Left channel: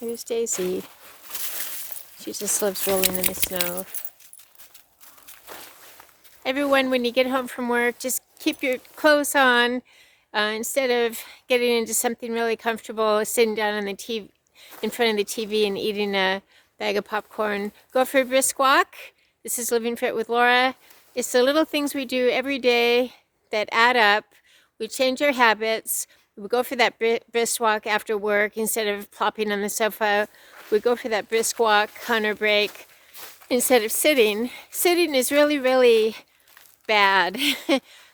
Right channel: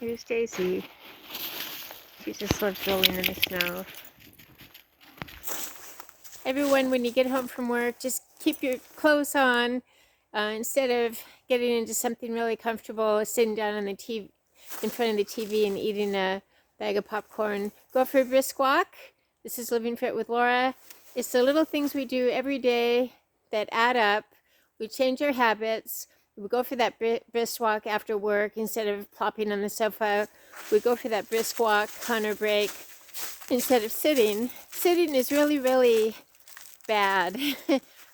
Here's Daisy. She just loves rolling in the snow. Everyone, when you get home from work, just keep your clothes on. Instead of getting into something really comfortable, sitting down on the TV, in front of the TV and eating a bag of popcorn, go for a brisk walk. This is Living Fit with Laura. It's the little things we do every day that add up. We change our habits. We go for that brisk walk after work instead of plopping on the sofa. We go for that brisk walk on our break instead of sitting. Sitting is really, really bad.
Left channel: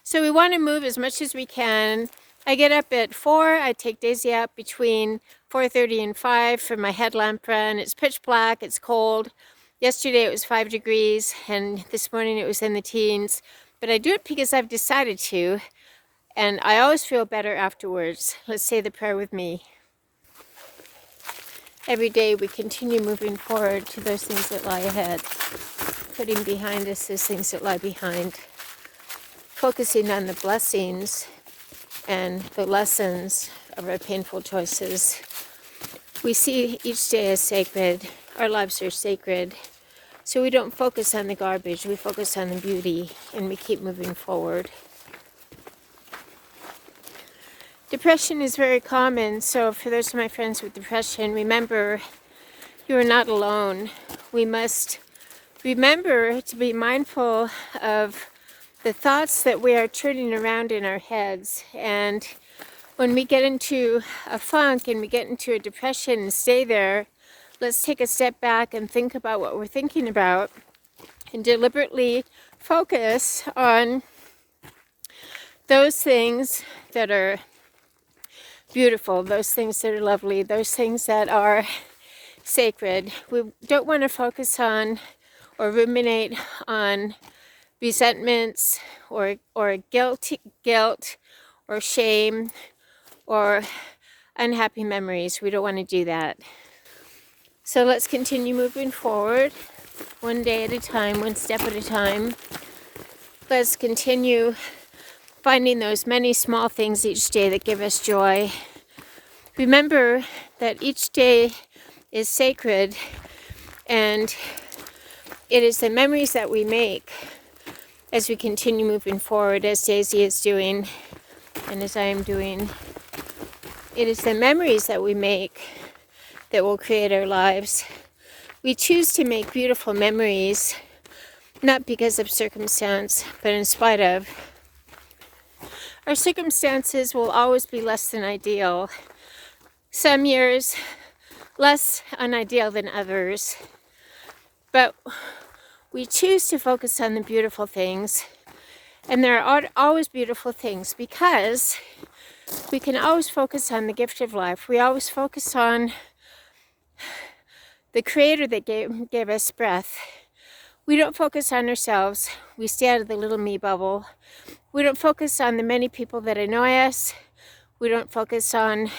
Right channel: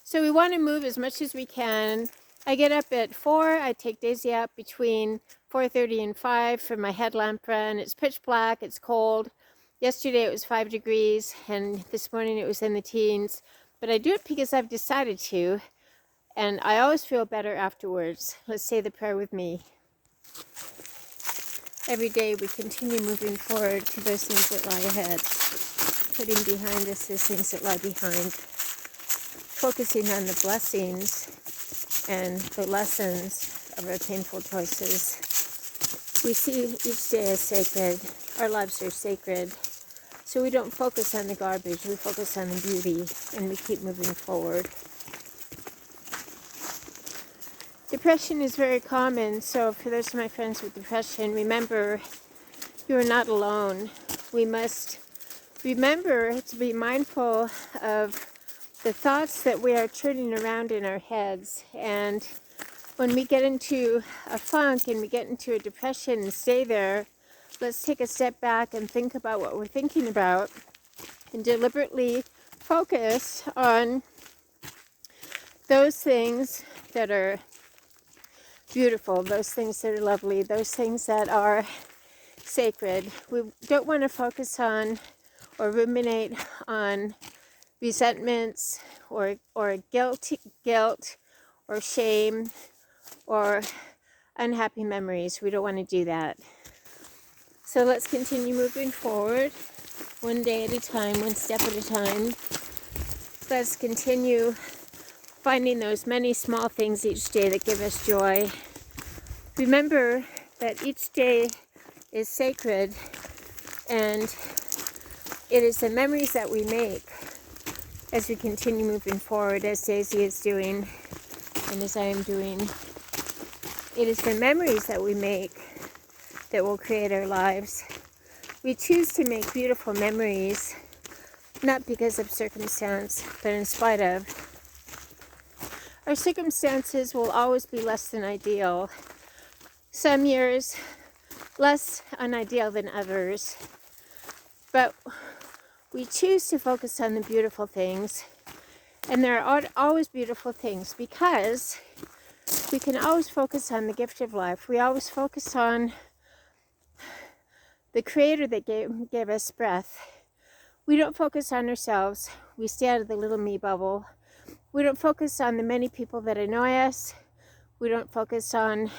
So we want to move as much as we can. I get up at 4. I take Daisy out between 4:30 and 5 for my headlamp run. It's pitch black. It's cold. Yesterday it was 5 degrees, and this morning it was in the teens. But I do it because I've decided to, and I always feel better afterwards. Let's say the prayer with me. Every day we continue moving forward to those things that lie ahead, putting behind us those things that lie behind, focusing on the blessings and the lessons of our painful choices. We see each day as sacred. Our lives are sacred. So we don't focus on the garbage. We focus on the beauty, and we keep moving forward. Depression is very common. So for those of my friends with depression, remember, you are not alone. We must remember to be mindful of the thoughts that we are turning around in our heads. And when we get into a funk and we get into a depression and stay there, let's take a step back and think about what we're thinking about and deliberately focus on those things that are beautiful, those things that are lovely, those things that are sacred. We don't want to focus on or ruminate on resentments or guilt or shame or unhappy memories. We don't want to do that. So let's continue moving forward, one day at a time, one step at a time. Let's continue finding those many small things each day that give us joy. Remember that each day is sacred, and it is the memories that we make as we continue moving forward, as Daisy is doing and as I am doing. It is the memories that we make that will create our lives. We choose to make beautiful memories, not because of circumstance, but in spite of. Our circumstances will always be less than ideal. Some years less unideal than others. But we choose to focus on the beautiful things. And there are always beautiful things because we can always focus on the gift of life. We always focus on the Creator that gave us breath. We don't focus on ourselves. We stay out of the little me bubble. We don't focus on the many people that annoy us. We don't focus on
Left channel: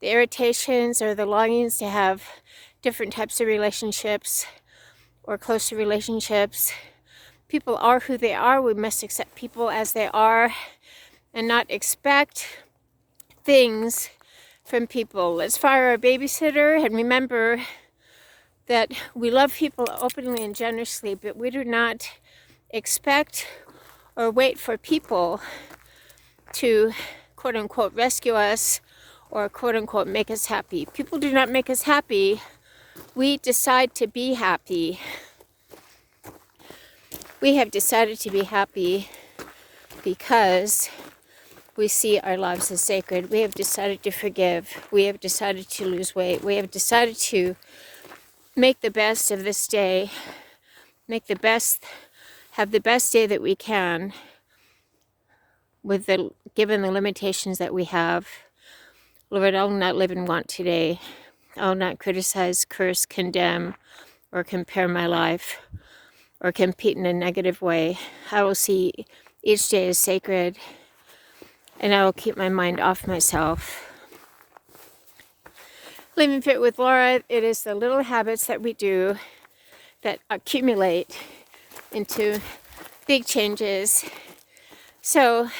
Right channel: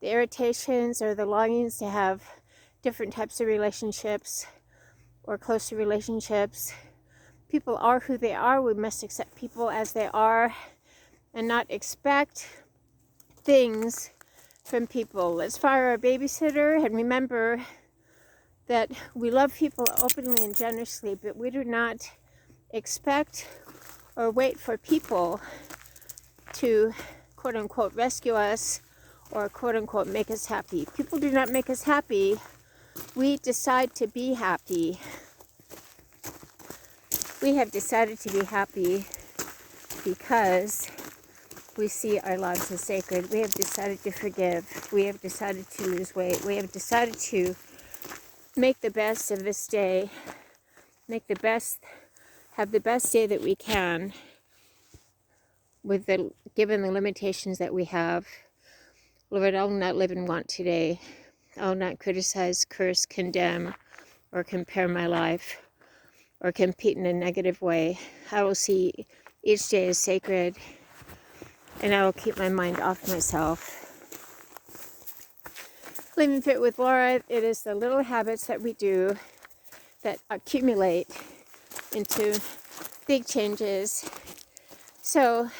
the irritations or the longings to have different types of relationships or closer relationships. People are who they are. We must accept people as they are and not expect things from people. Let's fire our babysitter and remember that we love people openly and generously, but we do not expect or wait for people to quote unquote rescue us or quote unquote make us happy. People do not make us happy. We decide to be happy. We have decided to be happy because we see our lives as sacred. We have decided to forgive. We have decided to lose weight. We have decided to make the best of this day. Have the best day that we can given the limitations that we have. Lord, I will not live in want today. I will not criticize, curse, condemn, or compare my life or compete in a negative way. I will see each day as sacred, and I will keep my mind off myself. Living Fit with Laura, it is the little habits that we do that accumulate into big changes. So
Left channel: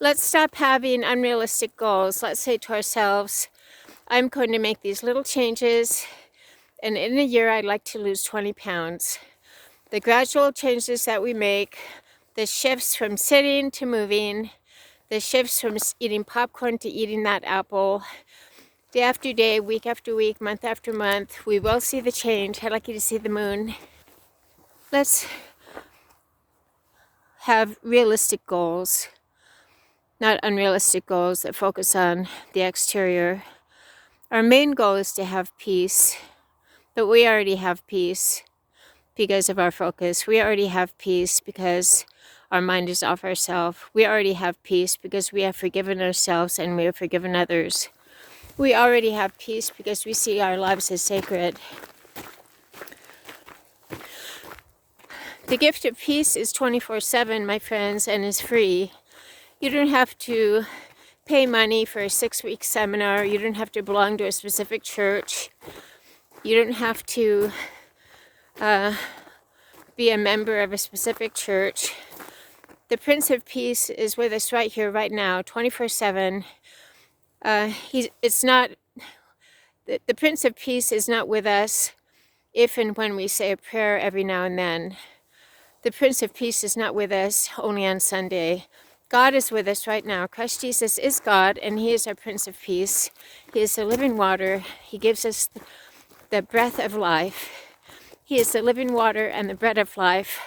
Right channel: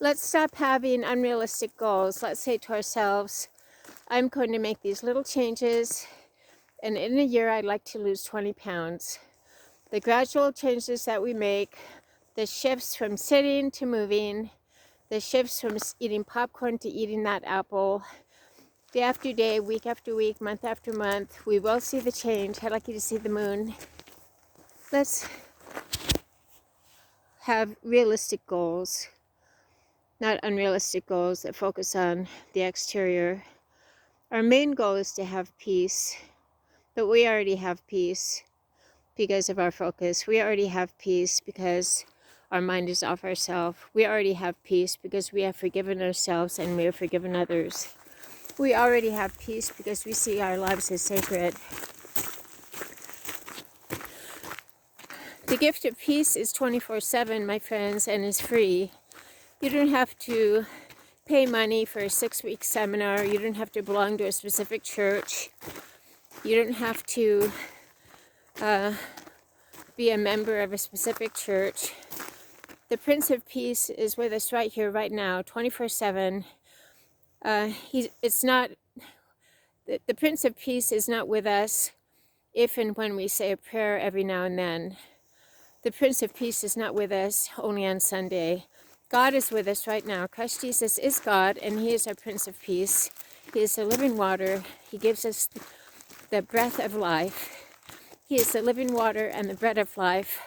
let's stop having unrealistic goals. Let's say to ourselves, I'm going to make these little changes, and in a year I'd like to lose 20 pounds. The gradual changes that we make, the shifts from sitting to moving, the shifts from eating popcorn to eating that apple, day after day, week after week, month after month, we will see the change. I'd like you to see the moon. Let's have realistic goals, not unrealistic goals that focus on the exterior. Our main goal is to have peace, but we already have peace because of our focus. We already have peace because our mind is off ourselves. We already have peace because we have forgiven ourselves and we have forgiven others. We already have peace because we see our lives as sacred. The gift of peace is 24/7, my friends, and is free. You don't have to pay money for a 6-week seminar. You don't have to belong to a specific church. You don't have to be a member of a specific church. The Prince of Peace is with us right here, right now, 24/7. The Prince of Peace is not with us if and when we say a prayer every now and then. The Prince of Peace is not with us only on Sunday. God is with us right now. Christ Jesus is God, and He is our Prince of Peace. He is the living water. He gives us the breath of life. He is the living water and the bread of life.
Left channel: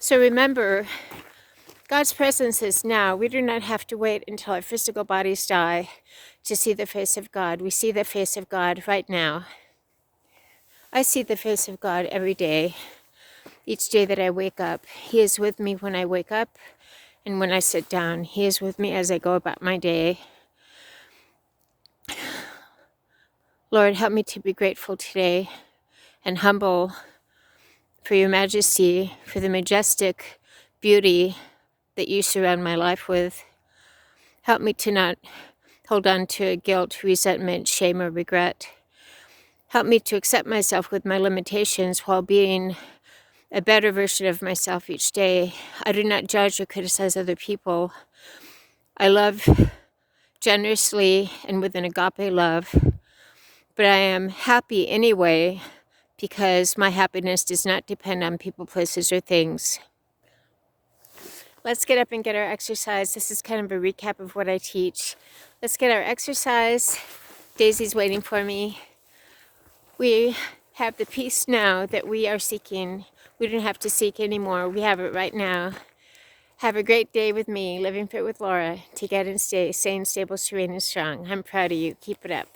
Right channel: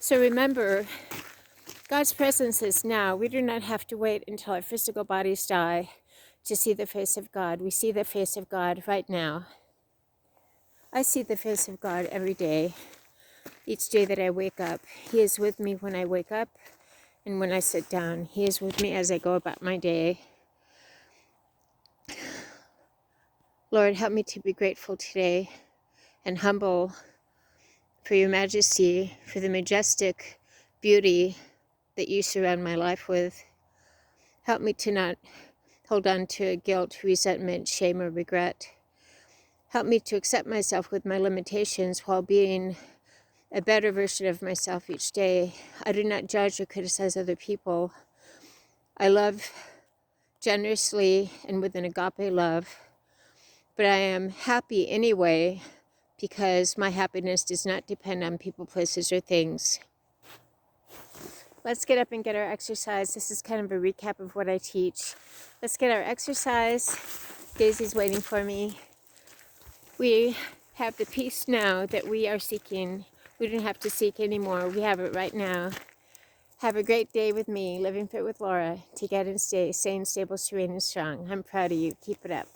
So remember, God's presence is now. We do not have to wait until our physical bodies die to see the face of God. We see the face of God right now. I see the face of God every day, each day that I wake up. He is with me when I wake up and when I sit down. He is with me as I go about my day. Lord, help me to be grateful today and humble for your majesty, for the majestic beauty that you surround my life with. Help me to not hold on to guilt, resentment, shame, or regret. Help me to accept myself with my limitations while being a better version of myself each day. I do not judge or criticize other people. I love generously and with an agape love, but I am happy anyway because my happiness does not depend on people, places, or things. Let's get up and get our exercise. This is kind of a recap of what I teach. Let's get our exercise. Daisy's waiting for me. We have the peace now that we are seeking. We don't have to seek anymore. We have it right now. Have a great day with me, Living Fit with Laura. Take out and stay sane, stable, serene, and strong. I'm proud of you. Keep it up.